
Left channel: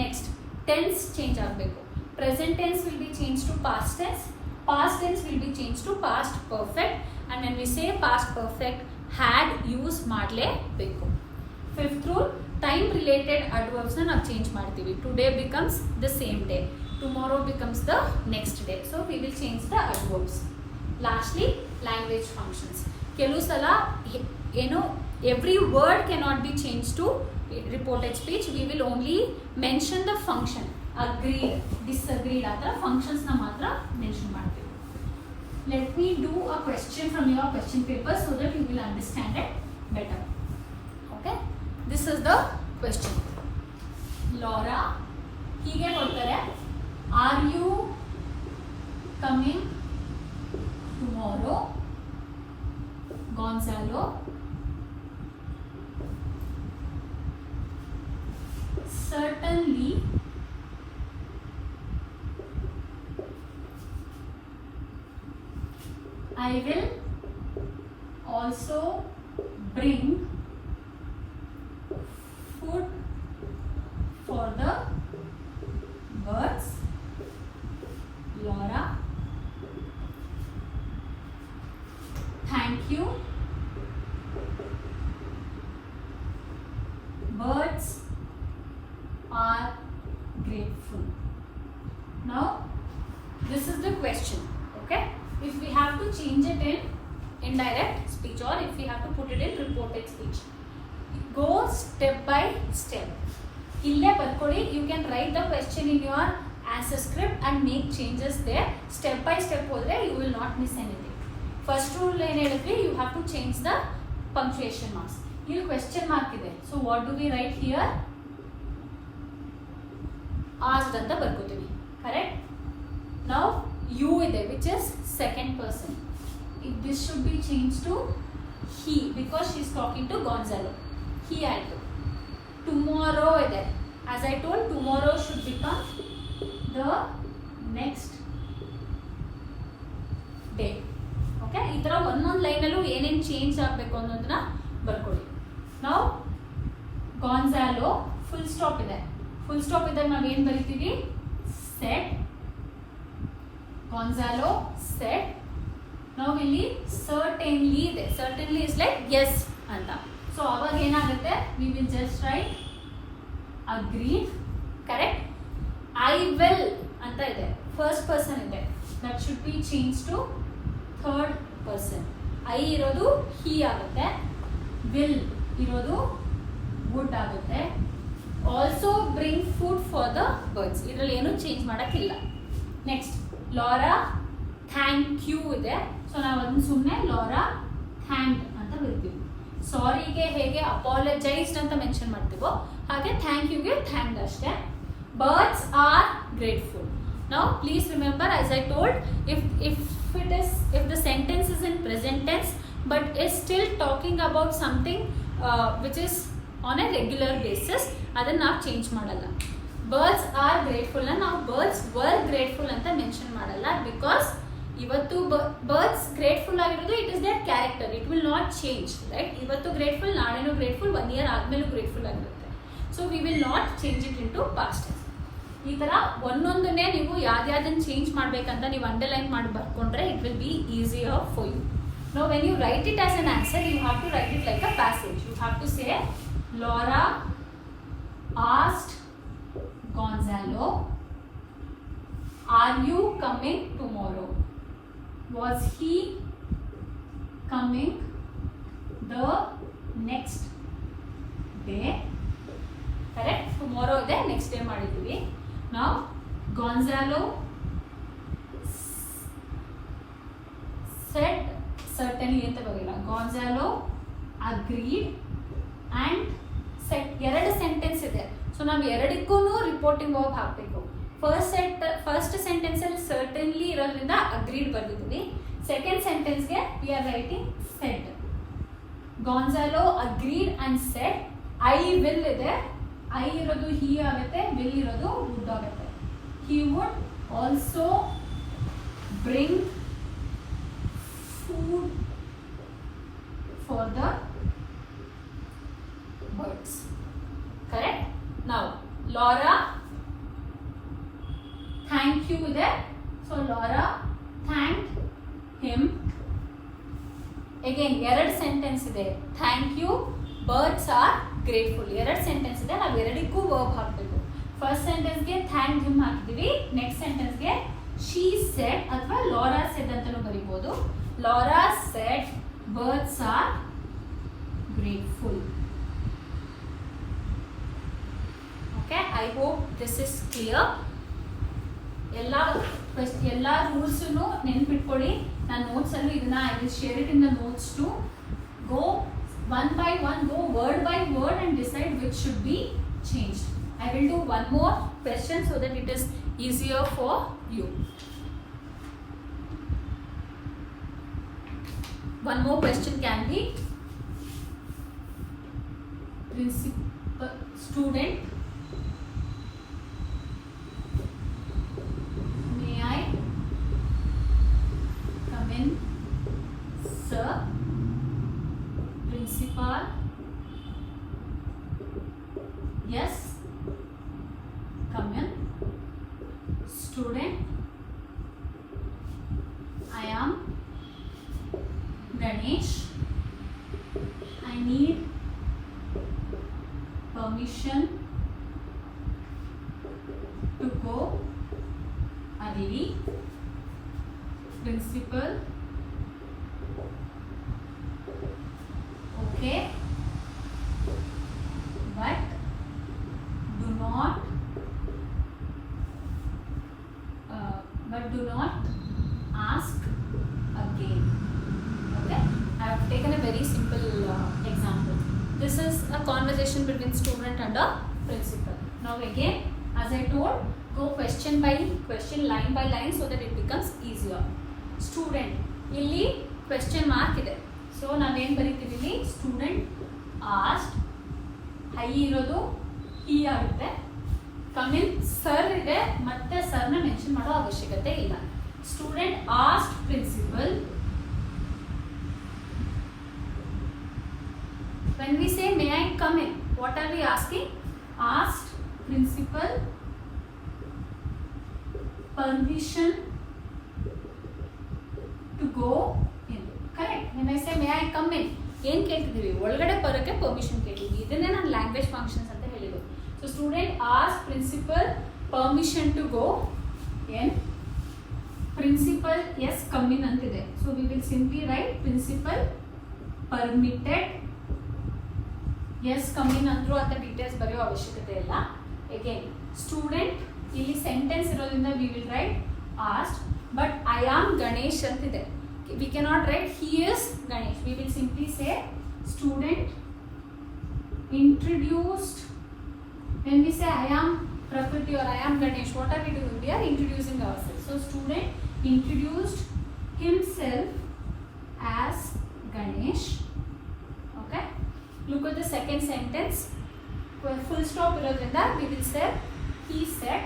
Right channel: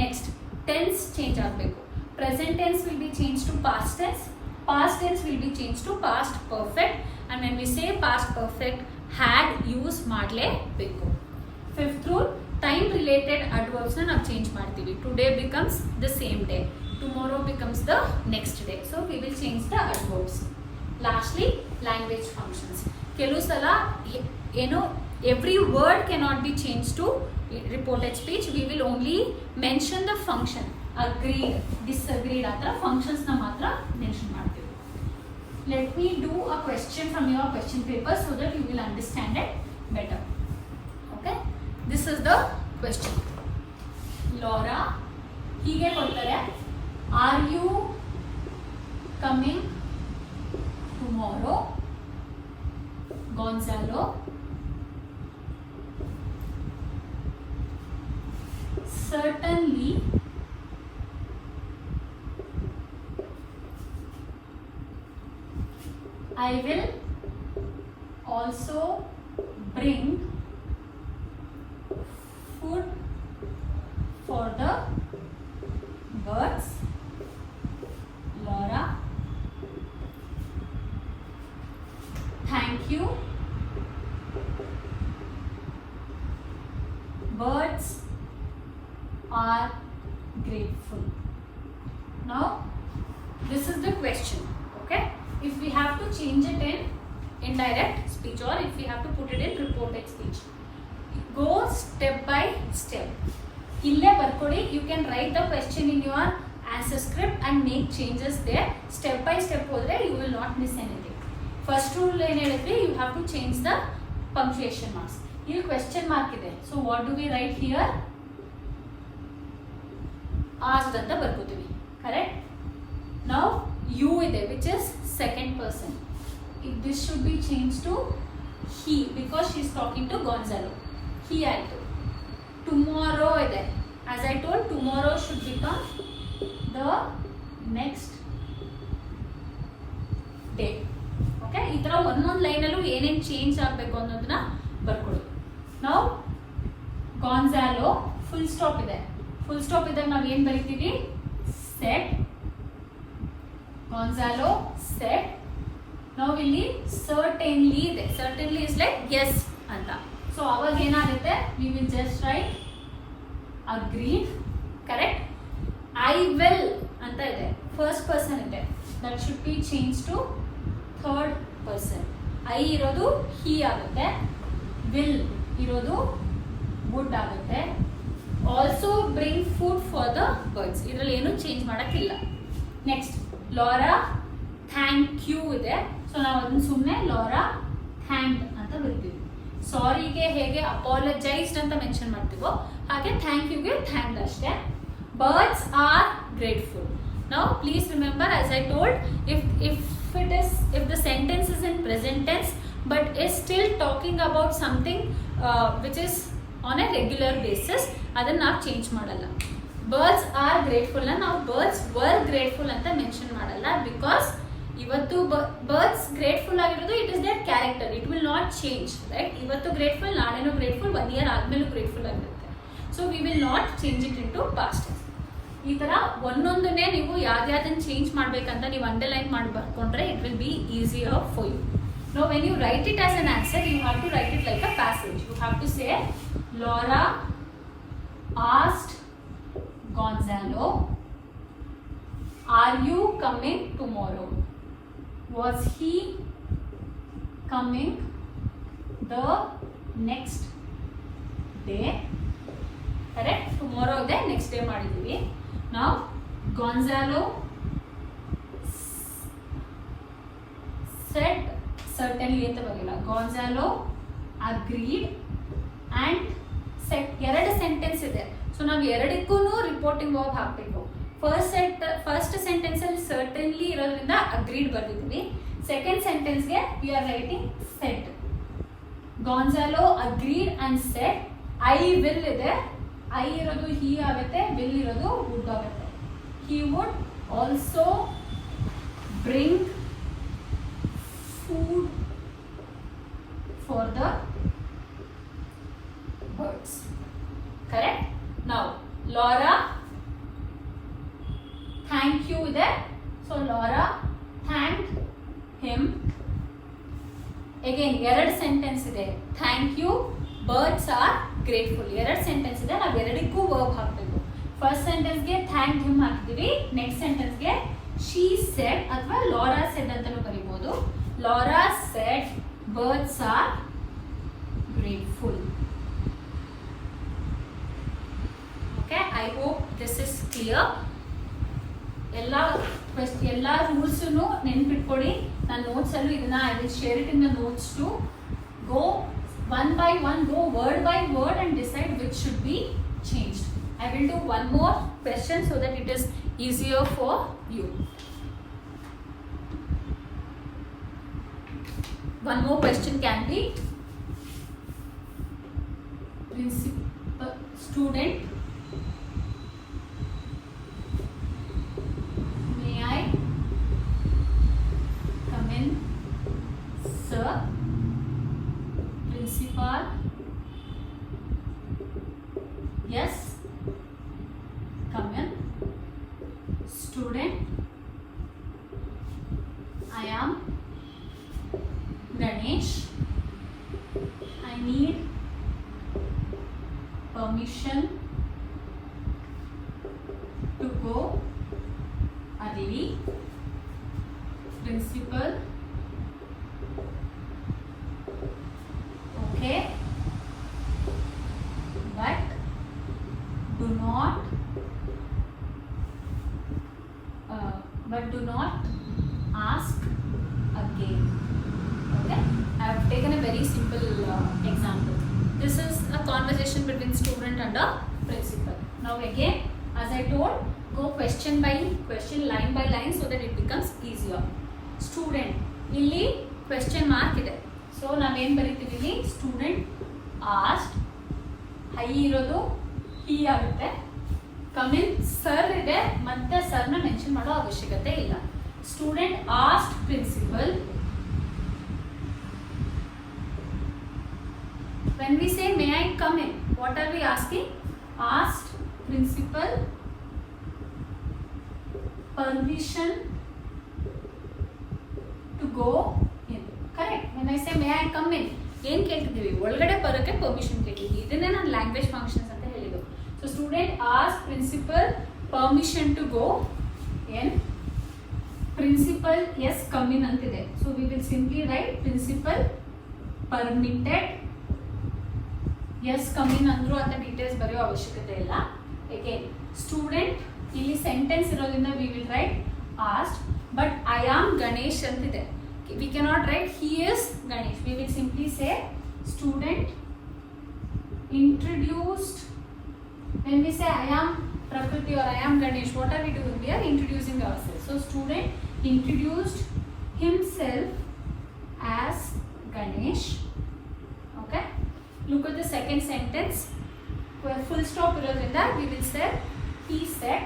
Next, tense change ಆಗಬೇಕು. present tense will be changed to past tense. past tense will be changed to past perfect. and when we say past perfect, had use ಮಾಡಲೇಬೇಕು. Fifth rule, time related adverbs ನಾವು ಚೇಂಜ್ ಮಾಡ್ತೀವಿ. today becomes the same day, tomorrow becomes the next day. so we will change the adverbs. Lastly, language functions. ಕೆಲವು ಸಲ ಏನು every word cannot be changed to reported speech. we will only mention the function. agreed, disagreed ಆ ಥರ ಫಂಕ್ಷನ್ಸ್ನ ಮಾತ್ರ ಮೆನ್ಷನ್ ಮಾಡ್ತೀವಿ. let me do a question from your question paper so that you will understand it better. okay, this is the question. Laura ಹೀಗೆ ಕೊಡ್ತಾರೆ, are you coming tomorrow. Gonzalo certainly I will also bring food for the birds. Laura, thank you. Birds are grateful. Now this is the question, okay? If we have to change it in indirect speech or if we have to put it in reported speech, go step by step. Ille barkodi, you can write the question in your answer script and make changes there. Step by step hodre you will not miss anything. First rule ಏನು ಹೇಳಿದ್ವಿ, you have to change the punctuation marks. ಇಲ್ಲಿ question mark ಇದೆ, so what do we write here? Asked ಅಂತ ಬರ್ಕೋತೀವಿ, correct? Now you ಇದೆ, which is second person. This should be changed to he because she is talking to Gonzalo. He ಆಯ್ತು. Tomorrow ಇದೆ, as I told, tomorrow should become the next day. Okay, ಈ ಥರ ಒಂದೊಂದು ಲೈನಲ್ಲೂ ಏನೇನು ಚೇಂಜ್ ಆಗಬೇಕು ಅನ್ನೋದನ್ನ ಬರ್ಕೊಳ್ಳಿ. ನಾವು ಗಾನ್ಜಾಲೋ ಫುಲ್ ಸ್ಟಾಪ್ ಇದೆ, ಫುಲ್ ಸ್ಟಾಪ್ ಇದ್ದಾಗ ನಾವು ಏನು ಬರಿತೀವಿ? ಸೆಟ್. Gonzalo said. ನಾವು ಇಲ್ಲಿ ಸರ್ಟನ್ಲಿ ಇದೆ, ಸರ್ಟನ್ಲಿ ಇಸ್ ಲೈಕ್ ಎಸ್ ಅಂತ. ಸೊ ಅವಾಗ ಏನಾಗುತ್ತೆ? We will just write agreed, correct? I will ಅಂತ ಇದೆ, ಫಸ್ಟ್ ಪರ್ಸನ್ ಇದೆ, that should be change to third person. I ಇರೋದು ಹಿ ಆಗುತ್ತೆ, ವಿಲ್ ಇರೋದು ವುಡ್ ಆಗುತ್ತೆ. Also bring food for the birds, ಇದರಲ್ಲಿ ಏನು ಚೇಂಜ್ ಮಾಡೋಕ್ಕಿಲ್ಲ. ನೆಕ್ಸ್ಟ್ ಲಾರಾ ಥ್ಯಾಂಕ್ ಯು ಇದೆ, ಸೊ ನಾವು ಅದನ್ನು ಸುಮ್ಮನೆ ಲಾರಾ ಥ್ಯಾಂಕ್ ಅಂತ ಬರ್ತೀವಿ. ಸಾರಿಗೆ ಹೇಗೆ ಅಪಾಲಜೈಸ್ಡ್ ಅಂತ ಮೆನ್ಷನ್ ಮಾಡ್ತೀವೋ ಹಾಗೆ ಥ್ಯಾಂಕ್ ಯುಗೆ ಥ್ಯಾಂಕ್ ಅಷ್ಟೇ. Birds are grateful. Now please remember, as I told, if the sentence is in present tense but is still talking about something which is on a regular basis, adanna ನಾವು ಚೇಂಜ್ ಮಾಡಲ್ಲ. birds are grateful na ನಾವು birds were grateful ಅಂತ mention ಮಾಡಲ್ಲ, because ಇವತ್ತು birds grateful ಆಗಿರೋದು it is their character, it will not change, right? ಇವತ್ತು grateful, ನಾಳೆನೂ grateful, 1 year ಆದ್ಮೇಲೂ ಗ್ರೇಟ್ಫುಲ್ ಆಗಿರುತ್ತೆ. So we will not change it in to past tense. ಈ ಥರ ಒಂದೊಂದನ್ನೇ ನೀವು ಯಾವ್ದಾದನ್ನು ಚೇಂಜ್ ಮಾಡಬೇಕಂತ ನೀವು ಅಂಡರ್ಲೈನ್ ಮಾಡಿ ಬರ್ಕೊಂಡ್ರೆ it will be easier for you. No when you write it as an answer, you have to write it like a passage. You have to say Laura asked Gonzalo, are you coming tomorrow? Was he coming the next day? Correct? Tomorrow ಇದೆ, next day ಮಾಡಿದ್ದೀವಿ. Now Gonzalo said certainly ಅಂತ ಬರಲ್ಲ. Gonzalo agreed and said. ಎರಡು sentence ಇದೆ, so ನಾವು ಎರಡಕ್ಕೂ reporting verb ಹಾಕಬೇಕು. First sentence ಅಲ್ಲಿ ಸರ್ಟನ್ಲಿ ಇರೋದ್ರಿಂದ ಅಗ್ರೀಡ್ ಬರ್ದಿದ್ದೀವಿ. ಸೆಕೆಂಡ್ ಸೆಂಟೆನ್ಸ್ಗೆ we are writing said. Gonzalo agreed and said. I will ಇದೆ, ಐ ಇರೋದು ಹಿ ಆಗುತ್ತೆ, ವಿಲ್ ಇರೋದು ವುಡ್ ಆಗುತ್ತೆ. He would also bring food for the birds. Correct? Now Laura thank you ಇದೆ, so Laura thanked him. Again ಎರಡು sentence ಇದೆ, thank you, birds are grateful. ಎರಡು sentence ಇದೆ, ನಾವು ಎರಡಕ್ಕೂ ವರ್ಬ್ ಹಾಕಬೇಕು. ಫಸ್ಟ್ ಸೆಂಟೆನ್ಸ್ಗೆ ಥ್ಯಾಂಕ್ ಹಿಮ್ ಹಾಕ್ತೀವಿ, ನೆಕ್ಸ್ಟ್ ಸೆಂಟೆನ್ಸ್ಗೆ ಶಿ ಸೆಡ್ ಅಥವಾ ಲಾರಾ ಸೆಡ್ ಅಂತಲೂ ಬರೀಬೋದು. Laura said birds are grateful. Okay, I hope this is clear. ಎಲ್ಲ ರೂಲ್ಸನ್ನು ನೆನ್ಪಿಟ್ಕೊಳ್ಳಿ. ನನ್ನ ನೋಟ್ಸಲ್ಲೂ ಇದನ್ನ I will share it in the notes to go one by one, go word by word and decide which should be changed. I will do one more question so that it is easier for you. one more question can be principal student, may I come in, sir? Principal, yes, come in. Student, I am Ganesh. I need permission to go early. Principal, okay, but do not ask again. Okay, I have taken a very simple example. This is a conversation between student and a principal. Now again, as I told, go question by question, line by line, so that it becomes easier. Student, ಇಲ್ಲಿ question mark ಇದೆ. So ನಾವೇನು ಬರೀತೀವಿ ಇಲ್ಲಿ? Student asked, I ಇರೋದು he ಆಗುತ್ತೆ. Come in, sir ಇದೆ, ಮತ್ತೆ ಸರ್ನ ಮೆನ್ಷನ್ ಮಾಡೋ ಅವಶ್ಯಕತೆ ಇಲ್ಲ. Student asked principal. When we say may I come in, what are we asking? Asked principal permission to go in. Correct. When I say may I come in, ಏನು ಕೇಳ್ತಿದ್ದೀವಿ? ಒಳಗಡೆ ಬರೋಕ್ಕೆ ಪರ್ಮಿಷನ್ ಕೇಳ್ತಿದ್ವಿ. ಇದನ್ನೇ ನಾನು ಲ್ಯಾಂಗ್ವೇಜ್ ಫಂಕ್ಷನ್ಸ್ ಅಂತ ಹೇಳಿದ್ದು. So student ask principal permission to go in. Principal, yes, come in ಅಂತಿದೆ. So we will simply write principal permitted. Yes, come in ಅಂದ್ರೂ ಅಂತ ಡೀಟೇಲ್ಸ್ ಬರೆಯೋ ಅವಶ್ಯಕತೆ ಇಲ್ಲ. Again, student, ಇಲ್ಲಿ ಸೆಂಟೆನ್ಸ್ ಇರೋದ್ರಿಂದ we will write asked, but I am Ganesh ಅಂತಿದೆ. We cannot write he is Ganesh. We will simply say student introduced. When we say I am Prakriti or I am Ganesh, what are we doing? We are introducing ourselves. So student introduced himself as Ganesh. Okay. Look at the second sentence. Full stop irodrinda we will say he said.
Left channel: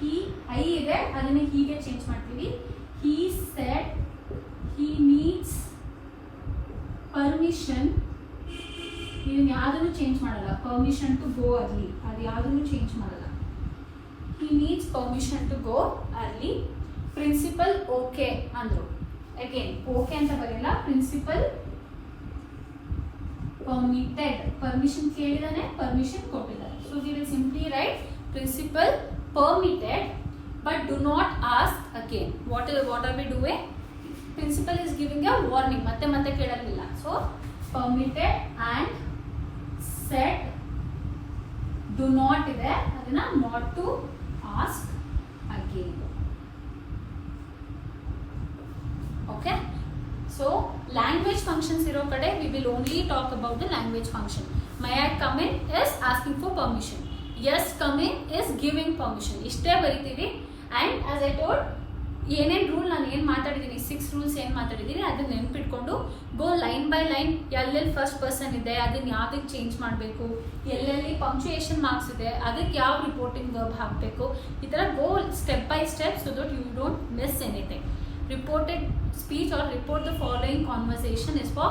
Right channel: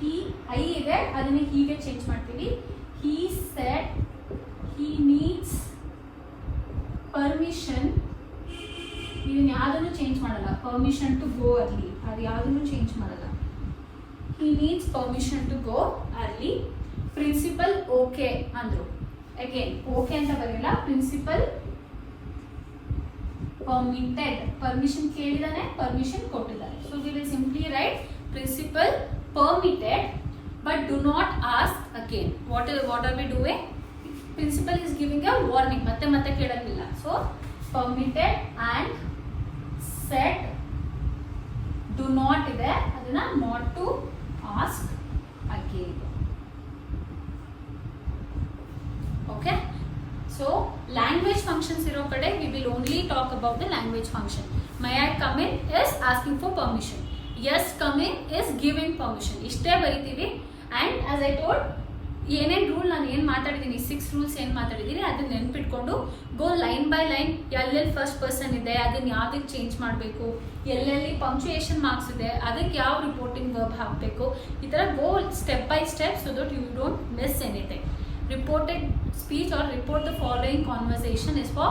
He I ide adanne hige change ಮಾಡ್ತೀವಿ. He said he needs permission. ನೀವು ಯಾವುದನ್ನು ಚೇಂಜ್ ಮಾಡಲ್ಲ. Permission to ಗೋ ಅರ್ಲಿ, ಅದು ಯಾವುದನ್ನು ಚೇಂಜ್ ಮಾಡಲ್ಲ. he needs permission to go early. Principal okay ಅಂದ್ರು. Again okay ಅಂತ ಬರಲ್ಲ, ಪ್ರಿನ್ಸಿಪಲ್ permitted, permission ಕೇಳಿದಾನೆ, permission ಕೊಟ್ಟಿದ್ದಾರೆ. So we will simply write principal permitted, but do not ask again. What are we doing? Principal is giving a warning, ಮತ್ತೆ ಕೇಳಲಿಲ್ಲ. So permitted and said do not ಇದೆ, ಅದನ್ನ not to ask again. Okay. So language functions iro kade we will only talk about the language function. May I come in is asking for permission. Yes, come in is giving permission. Ishte baritivi. And as I told, ಏನೇನು ರೂಲ್ ನಾನು ಏನು ಮಾತಾಡಿದ್ದೀನಿ, 6 ರೂಲ್ಸ್ ಏನು ಮಾತಾಡಿದ್ದೀನಿ ಅದನ್ನ ನೆನ್ಪಿಟ್ಕೊಂಡು ಗೋ line by line. ಎಲ್ಲೆಲ್ಲಿ first person ಇದೆ ಅದನ್ನ ಯಾವುದಕ್ಕೆ ಚೇಂಜ್ ಮಾಡಬೇಕು, ಎಲ್ಲೆಲ್ಲಿ ಪಂಕ್ಚುಯೇಷನ್ ಮಾರ್ಕ್ಸ್ ಇದೆ ಅದಕ್ಕೆ ಯಾವ ರಿಪೋರ್ಟಿಂಗ್ ವರ್ಬ್ ಹಾಕಬೇಕು, ಈ ಥರ go step by step so that you don't miss anything. Reported speech or report the following conversation is for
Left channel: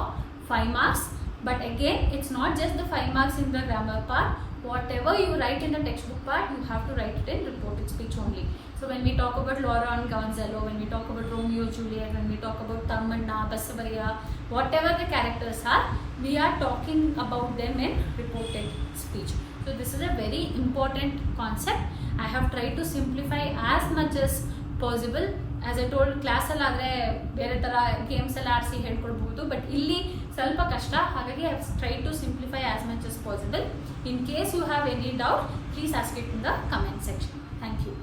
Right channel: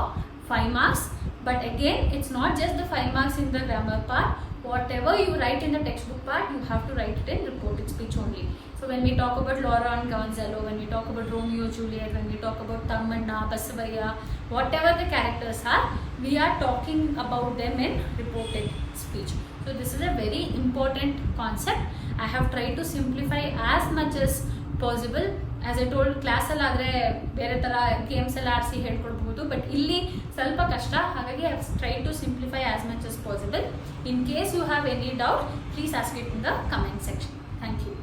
5 marks. But again, it's not just the 5 marks in the grammar part. Whatever you write in the textbook part, you have to write it in reported speech only. So when we talk about Laura and Gonzalo, when we talk about Romeo Juliet, when we talk about Tammanna, Basavaya, whatever the characters are, we are talking about them in reported speech. So this is a very important concept. I have tried to simplify as much as possible. As I told ಕ್ಲಾಸಲ್ಲಿ ಆದರೆ ಬೇರೆ ಥರ ಗೇಮ್ಸ್ ಎಲ್ಲ ಆಡಿಸಿ ಹೇಳ್ಕೊಡ್ಬೋದು, ಬಟ್ ಇಲ್ಲಿ ಸ್ವಲ್ಪ ಕಷ್ಟ. ಹಾಗಾಗಿ I have try to simplify as much as possible. In case you have any doubt, please ask it in the comment section. Thank you.